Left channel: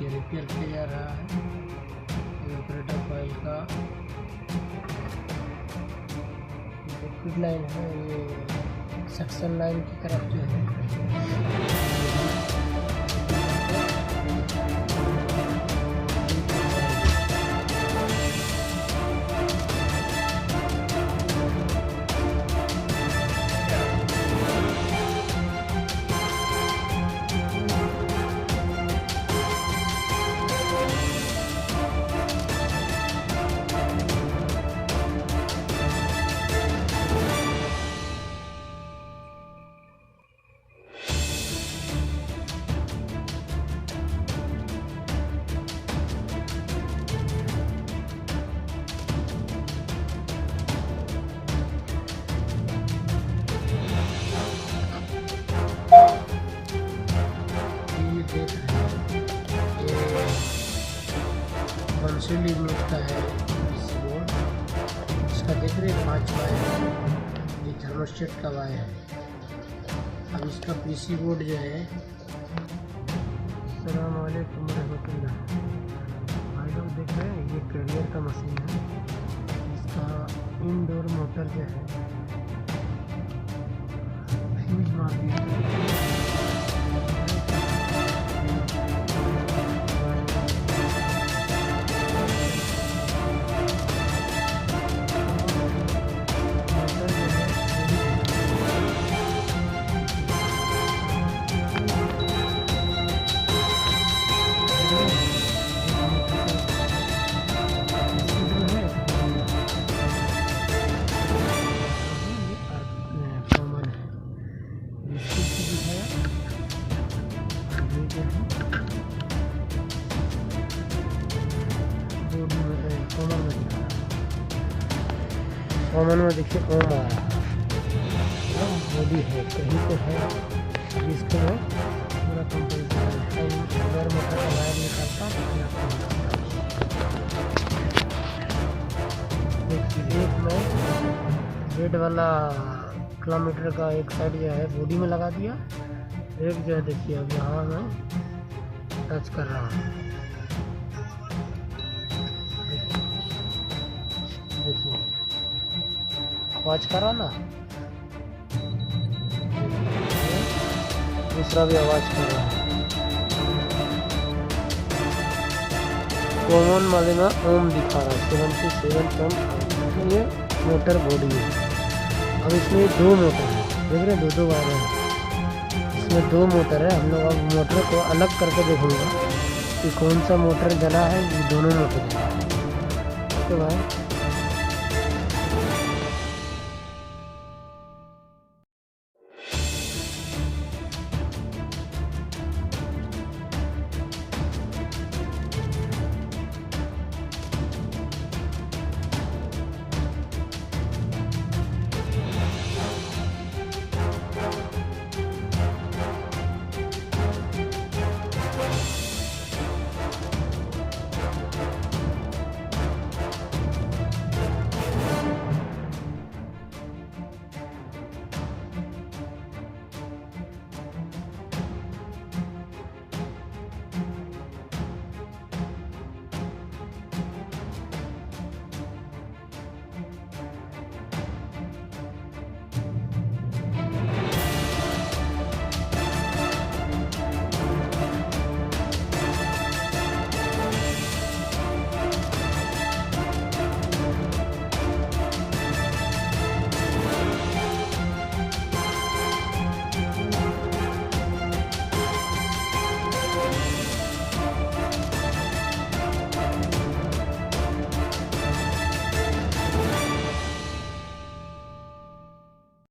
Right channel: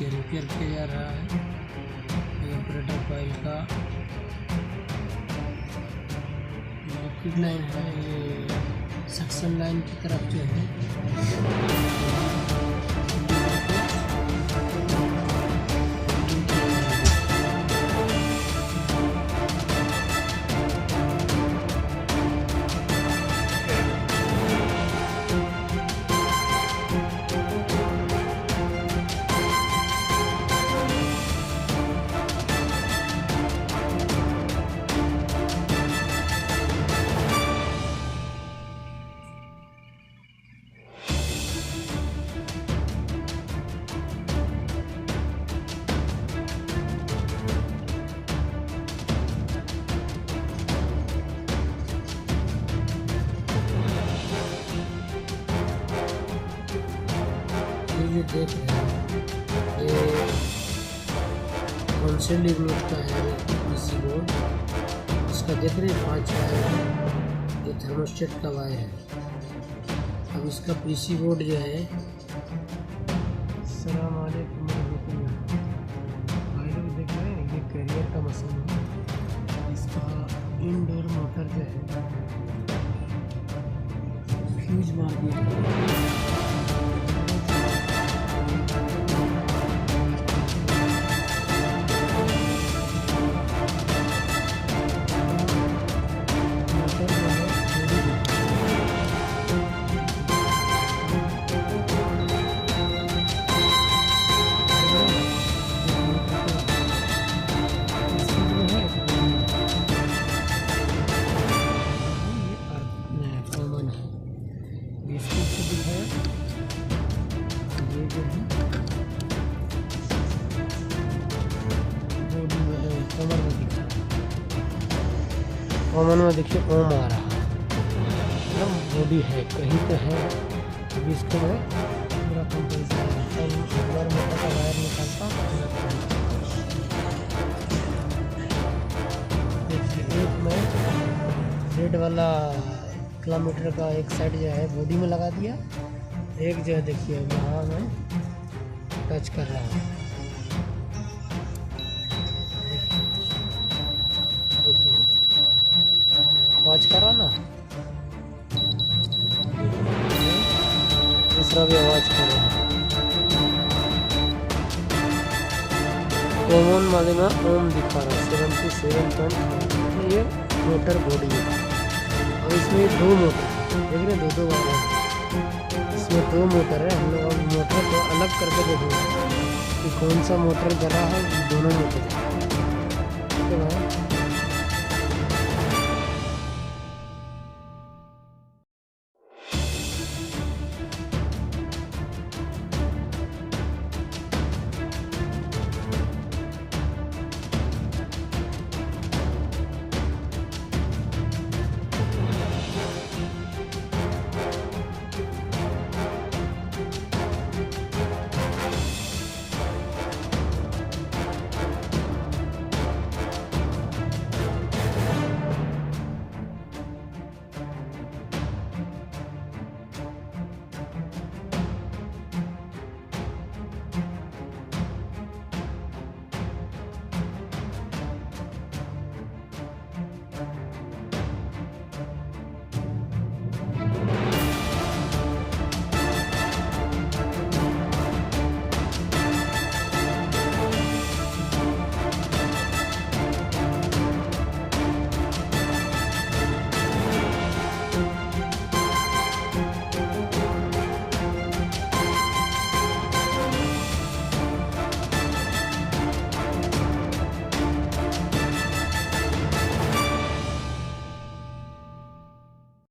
नीचे रिपेयर किया जा रहा है। ऑपरेटर कॉइल का लिक्विड लाइन है, ये सक्शन लाइन की तरफ जो है देख रहे हैं। ये 100 यूनिट का है पीसी बोर्ड। इसका देख रहे हैं 5 वायर है, ये थर्मोस्टेट का वायर है। अब इसका पीसी बोर्ड जो है, अस्सलाम वालेकुम रहमतुल्लाह भाई लोग देख रहे हैं, ये कैरियर का मशीन है। इसका इनडोर मोटर जो है फ्यूज मार दिया। कॉमन में देखिए ओम आ रहा है, मतलब बॉडी है कहीं पे है। अब इसको मैं पूरा कंपल्सरी मोटर का वायर निकालता हूँ। देखिए एक मैं रेड वाला किलोमीटर का एक साइड जो है बॉडी में लगा दिया, एक जो है देखिए अब यहाँ मैं टच कर रहा हूँ। देखिए आवाज कर रहा ना, दूसरा भी आवाज कर रहा है। कॉमन वाले में ओम दिखा रहा है 77.5। ये मोटर बॉडी है। अब इसमें 2 मोटर है, देख रहे हैं 2 वायर है। इसमें 2 मोटर है। हम लोग अब मोटर को अलग करके देखेंगे कि कौन सा मोटर जला है। ये दोनों मोटर है। ठीक है भाई।